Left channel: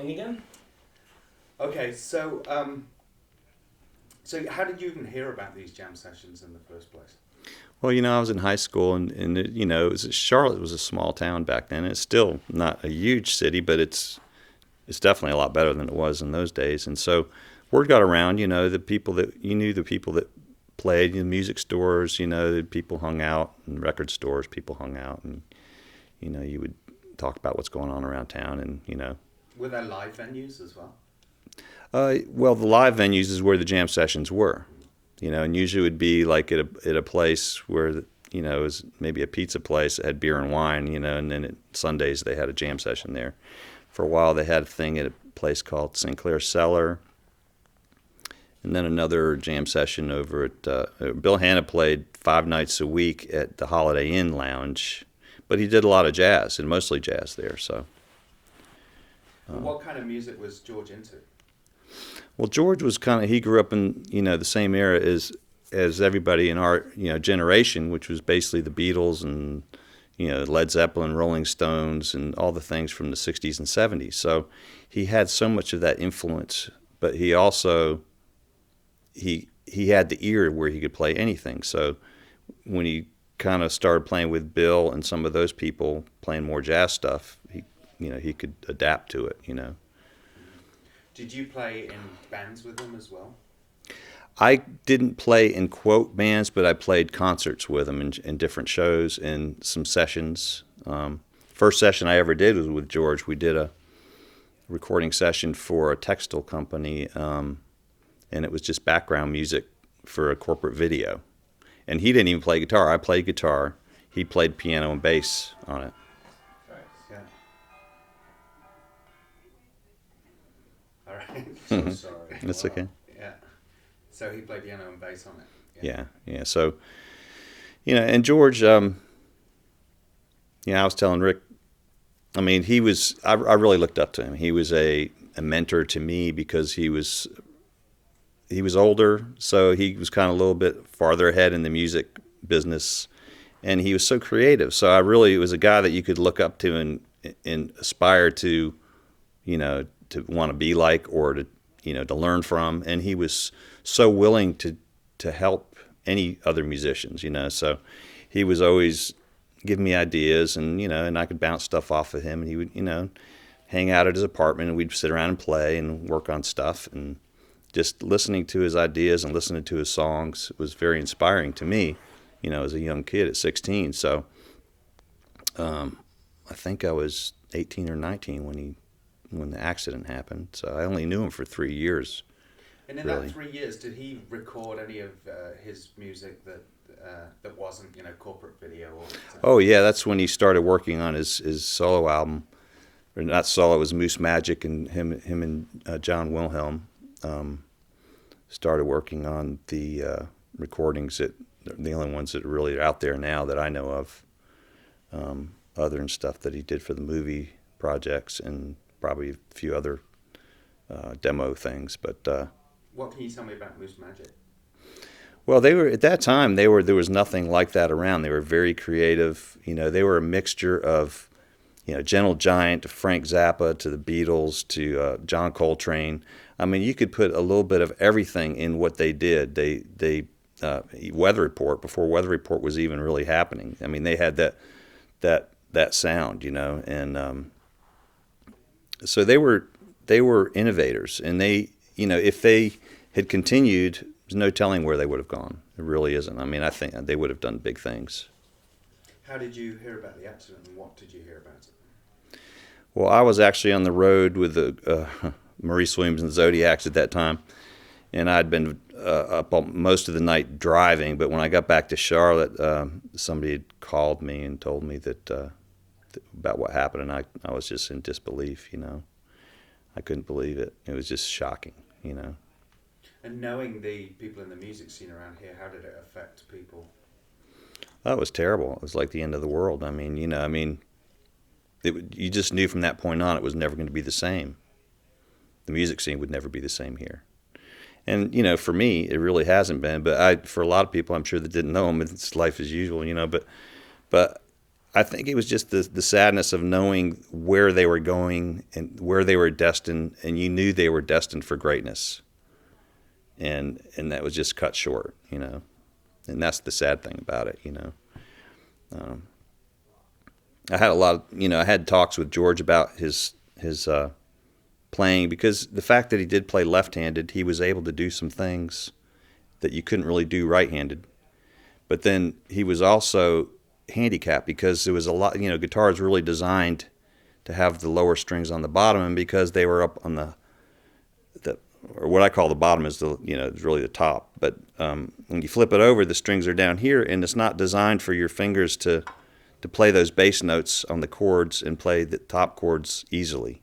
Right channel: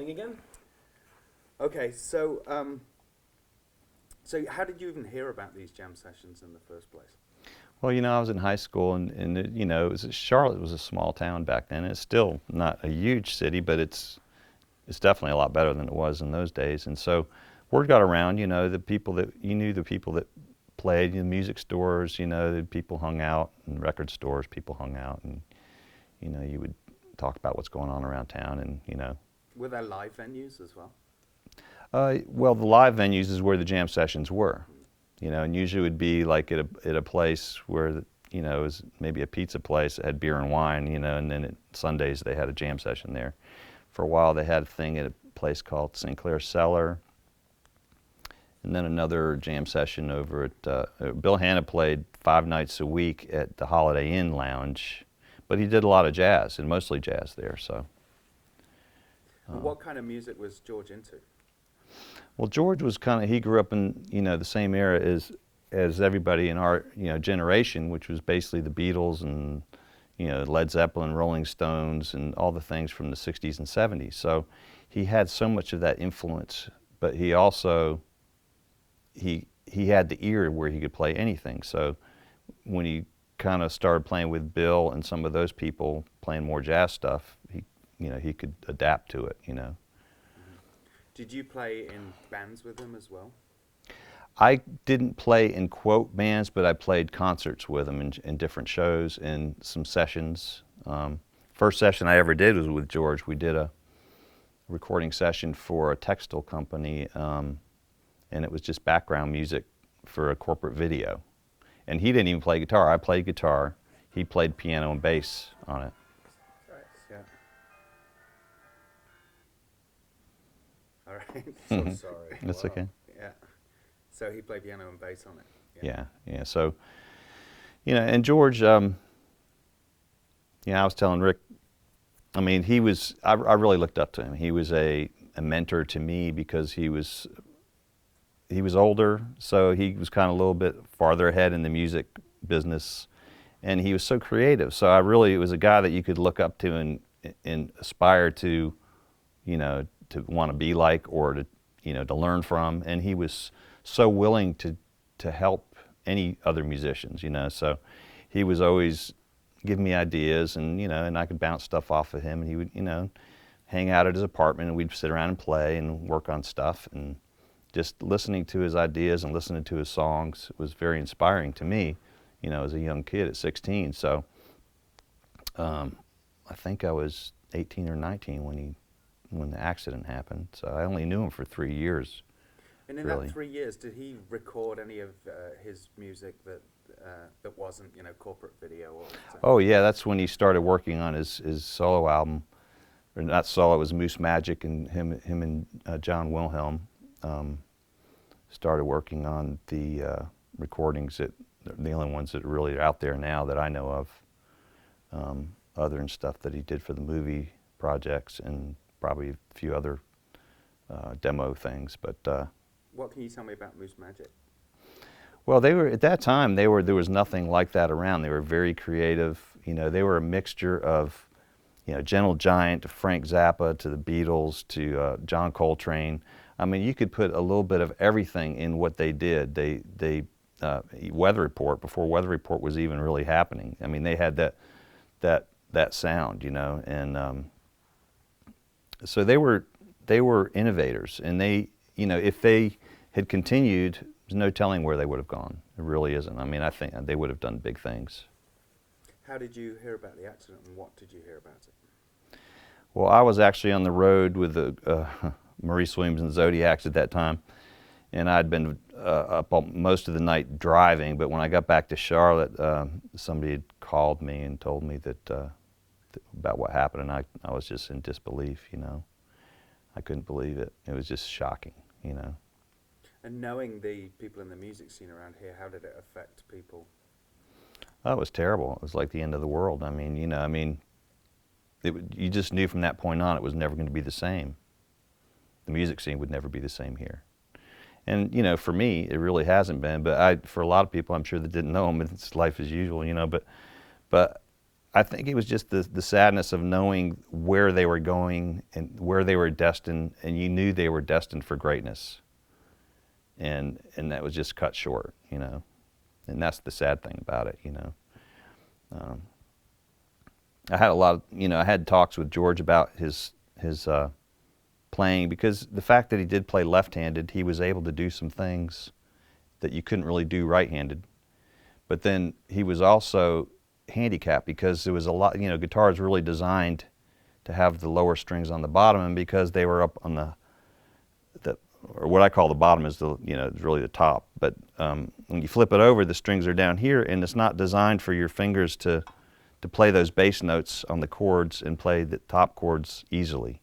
rolling again. Okay, so how did you even hear about these jam sessions in the first place? Well, I was in high school, and Charlotte was a small town back then. It's still not a huge city, but it's definitely a lot better than it was in those days. And so word got around, the people that you knew, the people that played in music stores, the people hung out in record stores, people hung out, and you would talk about what's going on around town, and. Were there live venues as well? Well, the live venues is where the jam sessions were, and usually it would be like at a place where, it was maybe a pizza place that had beer and wine, and then Sundays they had a jam session there. For a while they had a thing at a place called Sinclair Cellar, and then another jam session over at, Bill Hanna played 5 nights a week at the Holiday Inn Lounge, but he did a lot of jazz, and mostly jazz there, so. And what kind of music was George into? Well, George was he grew up in, the same era as everybody in our, generation, which was basically the Beatles and, Led Zeppelin, Rolling Stones, and all the things from the 60s and 70s. So he had so much of that influence, but he also, he had the ear where he could play anything. So when he kind of started playing with Bill and some of those people playing more jazz stuff, he could adapt to it, Did you play in bands with him as well? I didn't play in quote bands, but I played concerts with him in different shows and some sessions. First session I ever did was with George. We did a recording session for a textile company, and it was just background music for a corporate video. And he didn't even play guitar. I played guitar. He played piano and bass on it. Yeah. All right. So sorry. That's Wow. okay. Yeah. So he played piano and bass on it. Yeah. So, and George, I was telling Rick, I mean, I really looked up to him. He was a mentor to me because he was older, so he was kind of a little bit farther ahead in the music business, and he was so creative. So it was a guy that you could look up to and aspire to, to want to be like, or to learn from. And he was so willing to help any other musicians, So he was always giving me ideas, and and I could bounce stuff off of him, and he would, hang out at his apartment, and we'd sit around and play and work on stuff, and just listening to his ideas and listening to his songs was very inspiring to me, as a young kid at 16. So I think I was 18 or 19 when the accident happened. So I only knew him for 3 years. And in really. that 3 years, did he record any of his music that wasn't, corporate video? Oh yeah, that's when he started working on his solo album, or not solo. It was Moose Magic, and him and John Wilhelm started working on the recordings that the only ones that really are out there now that I know of, other than stuff that he did for the movie projects and probably a few other demo things. But what can you tell me about Moose Magic? well, they were at that time. There was nothing like that around. They were very creative. They were a mixture of, Gentle Giant to Frank Zappa to the Beatles to John Coltrane. I mean, you could put a little bit of everything in what they did. They Weather Report, before Weather Report was even really happening. I mean, they had that sound, and so they were innovators, and they, if they had continued, there's no telling where they would have gone. It really isn't. I mean, I think they would have done big things. How did you hear about the accident, and what did you hear about it? Well, I was actually on the road with the Maurice Williams and Zodiacs at that time, and I'd been up all, most of the night driving. But when I got back to Charlotte, somebody had called me and told me that about what happened, and I was just in disbelief. I couldn't believe it. It was just shocking. And knowing the people in the music scene around here, how did it affect people? That was terrible. It was like the end of the world. I mean, you just knew from that point on it was never going to be the same. The music scene would never be the same here. And, for me, it really hasn't been. But for a lot of people, I'm sure that didn't know him, it's life as usual, But I think it was just the sadness of knowing where they were going and where they were destined, and you knew they were destined for greatness, and that was just cut short, you know, and that's the sad thing about it, you know. I had a lot of, you know, I had talks with George about his playing, because the fact that he did play left-handed, he was able to do some things that you couldn't really do right-handed. But then he was also handicapped because there was a lot, you know, guitar is really designed to have the lower strings on the bottom, and because they were up on the or what I call the bottom is the, you know, it's really the top. But when you flip it over, the strings are down here, and it's not designed for your fingers to play those bass notes on the chords and play the top chords easily.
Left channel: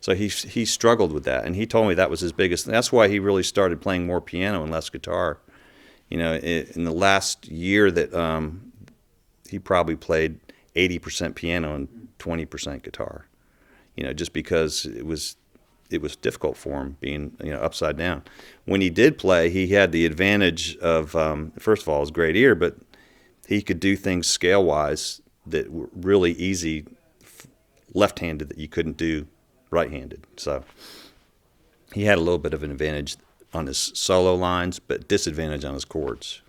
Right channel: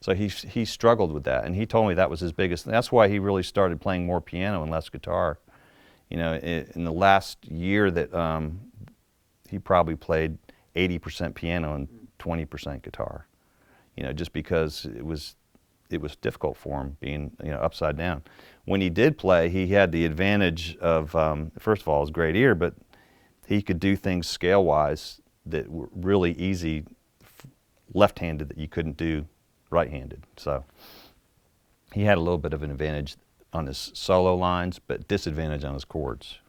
So he struggled with that, and he told me that was his biggest thing. That's why he really started playing more piano and less guitar. You know, in the last year that he probably played 80% piano and 20% guitar. You know, just because it was difficult for him being, you know, upside down. When he did play, he had the advantage of first of all his great ear, but he could do things scale wise that were really easy left-handed that you couldn't do right-handed. So he had a little bit of an advantage on his solo lines, but disadvantage on his chords.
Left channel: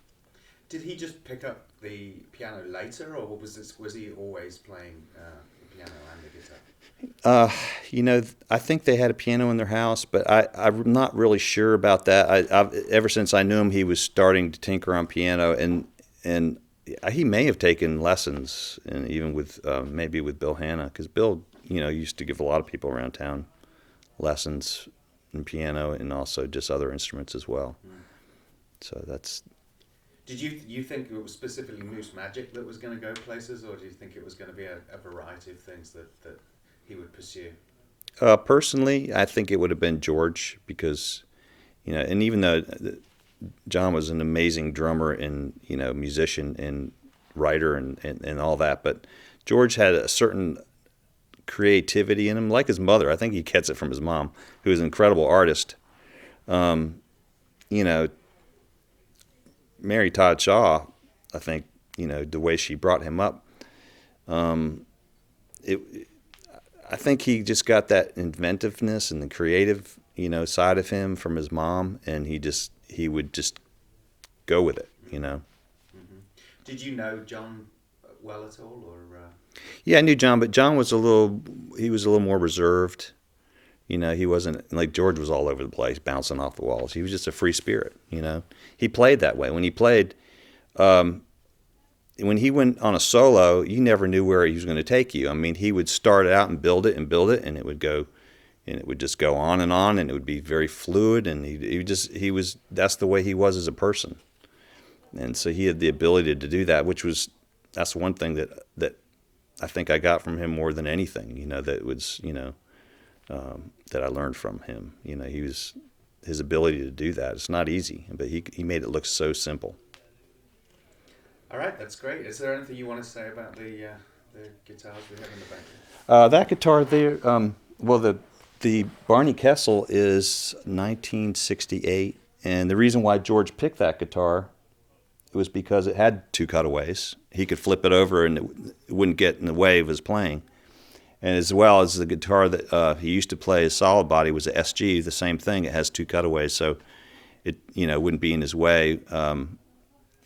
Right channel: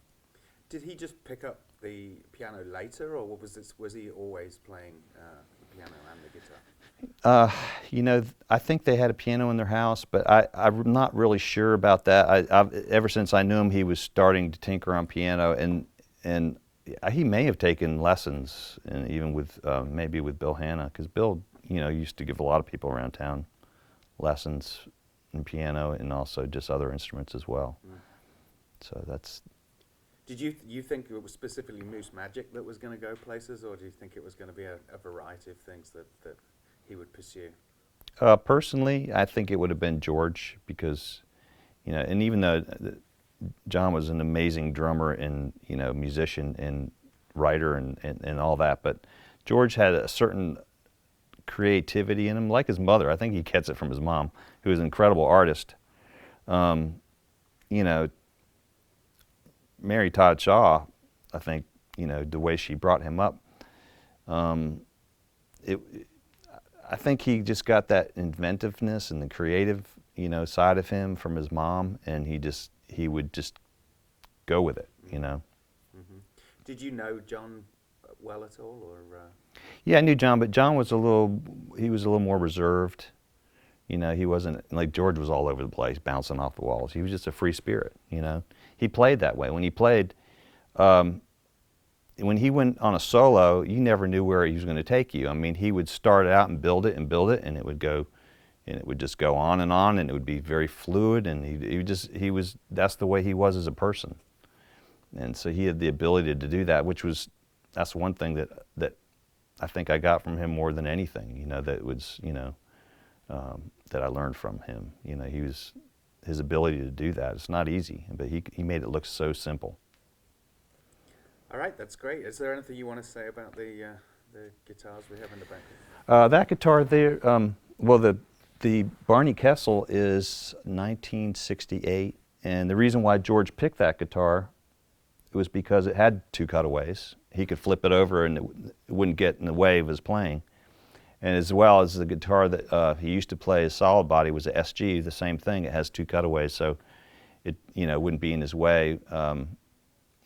Did he just pick up the piano later, or was he always playing the piano and the guitar? You know, I think they had a piano in their house, but I'm not really sure about that. I've ever since I knew him, he was starting to tinker on piano, and he may have taken lessons, and even with maybe with Bill Hanna, because Bill, you know, used to give a lot of people around town lessons in piano and also just other instruments as well. So that's. Did you think it was specifically Moose Magic that was going to go places, or do you think it was going to be a variety of things that he would pursue? Personally, I think it would have been George, because, you know, and even though John was an amazing drummer and, you know, musician and writer and all that, but George had a certain creativity in him, like his mother. I think he gets it from his mom, who was an incredible artist. You know, Mary Todd Shaw, I think, you know, the way she brought him up, I think he just got that inventiveness and the creative, you know, side of him from his mom, and he would just go with it, you know. Mm-hmm. Did you know John well at all, or? Yeah, I knew John, but John was a little more reserved. You know, he wasn't like George was all over the place, bouncing off the walls. He was just a free spirit, you know. He played that way. When he played, when he went on a solo, you never knew where he was going to take you. I mean, he would start out and build it, and it would go, and it would just go on, and it would be very fluid, and he was that's the way he was as a person. And so he had the ability to do that, that's one thing that I think I got from him more than anything, you know, that was, you know, that I learned from him. You know, his ability to do that. It's not easy, but he made it look so simple. All right, that's great. Is there anything you want to say about the guitars we have in the back? That guitar there, well, the Barney Kessel is 1968, and the reason why George picked that guitar was because it had two cutaways. He could flip it over, and it wouldn't get in the way of his playing. And as well as the guitar that he used to play, his solid body was a SG, the same thing. It has two cutaways, so it, you know, wouldn't be in his way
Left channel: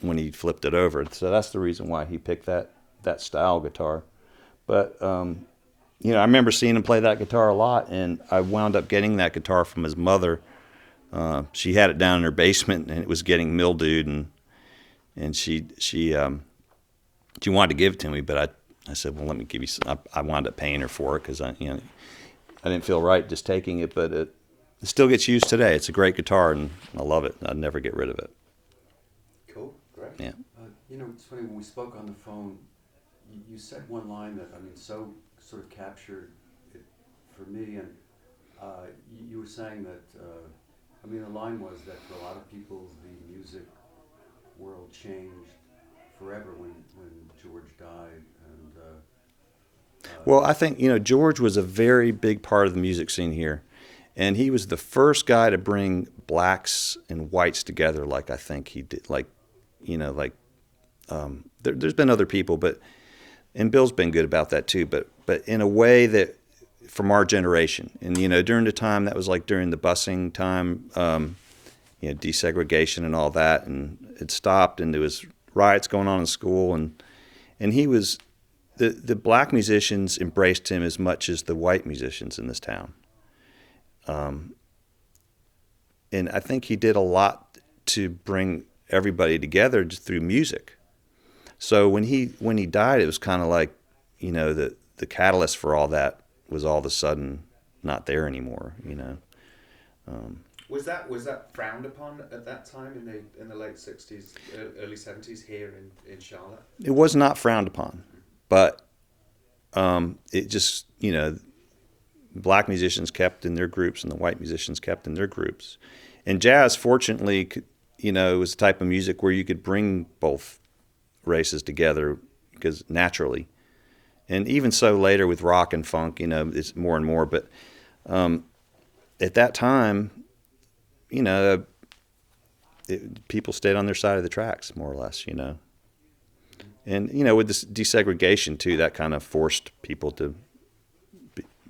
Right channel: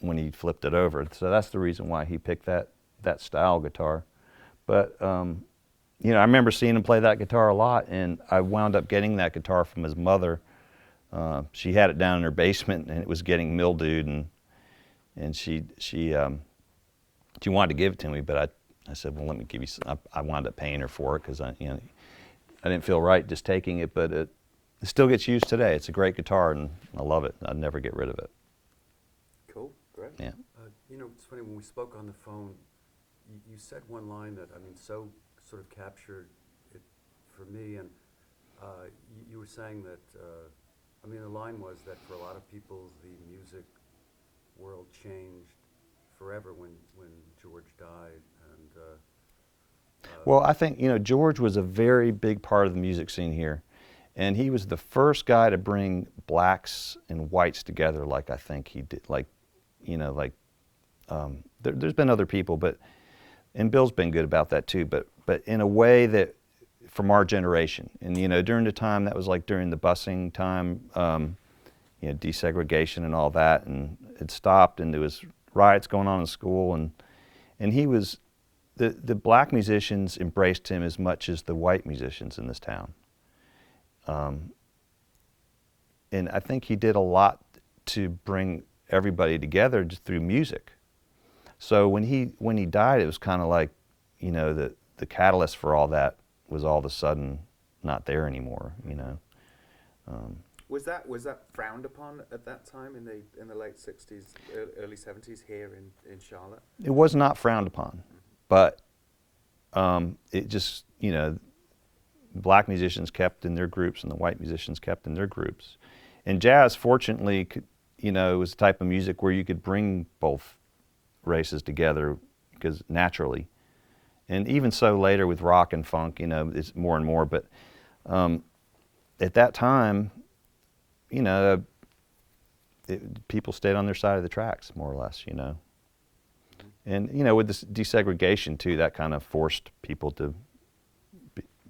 when he flipped it over. So that's the reason why he picked that style guitar. But you know, I remember seeing him play that guitar a lot, and I wound up getting that guitar from his mother. She had it down in her basement, and it was getting mildewed, and she wanted to give it to me, but I said, well, let me give you some. I wound up paying her for it because I didn't feel right just taking it, but it still gets used today. It's a great guitar, and I love it. I'd never get rid of it. Cool, great. Yeah. You know, it's funny, when we spoke on the phone, you said one line that, I mean, so sort of captured it for me, and you were saying that, I mean, the line was that for a lot of people, the music world changed forever when George died. Well, I think, you know, George was a very big part of the music scene here, and he was the first guy to bring blacks and whites together, like I think he did. Like, you know, like there's been other people, but and Bill's been good about that too, but in a way that from our generation. And during the time that was like during the busing time, desegregation and all that, and it stopped, and there was riots going on in school, and he was the black musicians embraced him as much as the white musicians in this town. And I think he did a lot to bring everybody together through music. So when he died, it was kind of like, the catalyst for all that was all of a sudden not there anymore. Was that frowned upon at that time in the late 60s, early 70s here in Charlotte? It was not frowned upon, but it just, black musicians kept in their groups and the white musicians kept in their groups. And jazz, fortunately, was the type of music where you could bring both races together because naturally. And even so later with rock and funk, it's more and more. But at that time, people stayed on their side of the tracks, more or less, And, with this desegregation, too, that kind of forced people to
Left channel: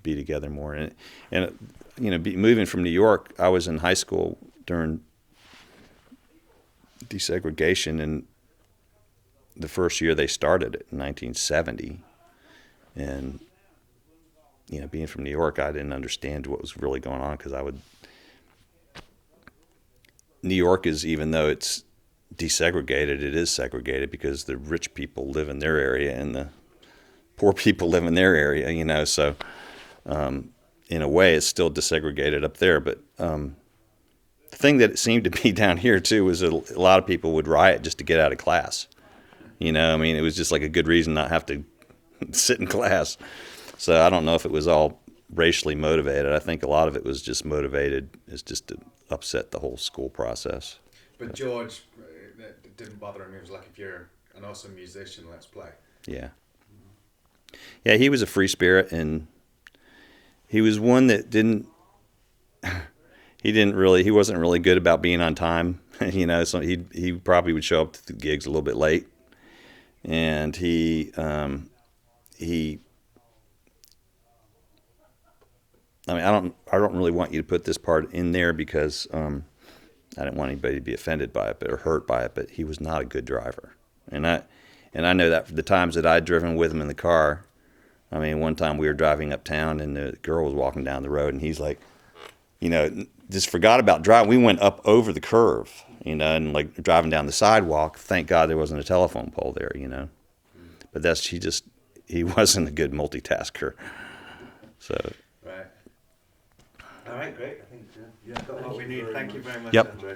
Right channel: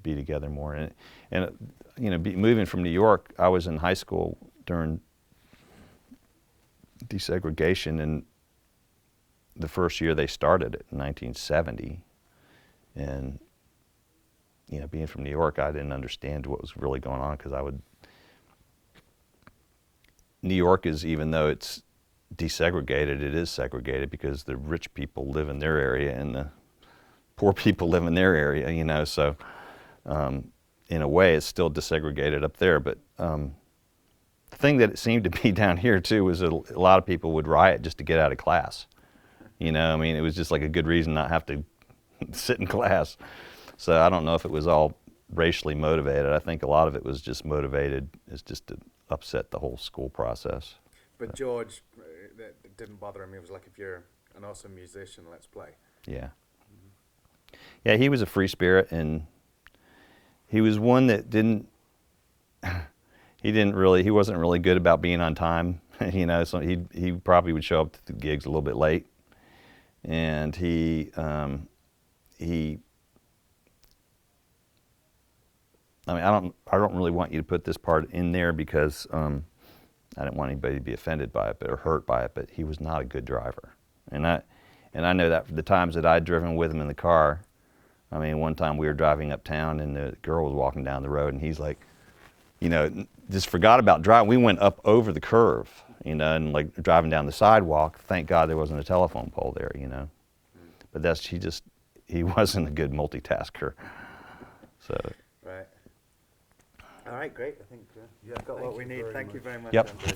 be together more. And moving from New York, I was in high school during desegregation, and the first year they started it in 1970. And, being from New York, I didn't understand what was really going on because New York is, even though it's desegregated, it is segregated because the rich people live in their area and the poor people live in their area, so in a way it's still desegregated up there. But the thing that it seemed to be down here too was that a lot of people would riot just to get out of class. It was just like a good reason not have to sit in class. So I don't know if it was all racially motivated. I think a lot of it was just motivated as just to upset the whole school process. But George, it didn't bother him. He was like, if you're an awesome musician, let's play. Yeah. Yeah, he was a free spirit, and he was one that he wasn't really good about being on time. So he probably would show up to the gigs a little bit late. And I don't really want you to put this part in there because I didn't want anybody to be offended by it or hurt by it, but he was not a good driver. And I know that for the times that I'd driven with him in the car. One time we were driving uptown and the girl was walking down the road and he's like, just forgot about driving. We went up over the curve, and like driving down the sidewalk. Thank God there wasn't a telephone pole there, But he wasn't a good multitasker. So. Right. All right, great. I think we've got what we need. Thank you very much, Yep. Andre.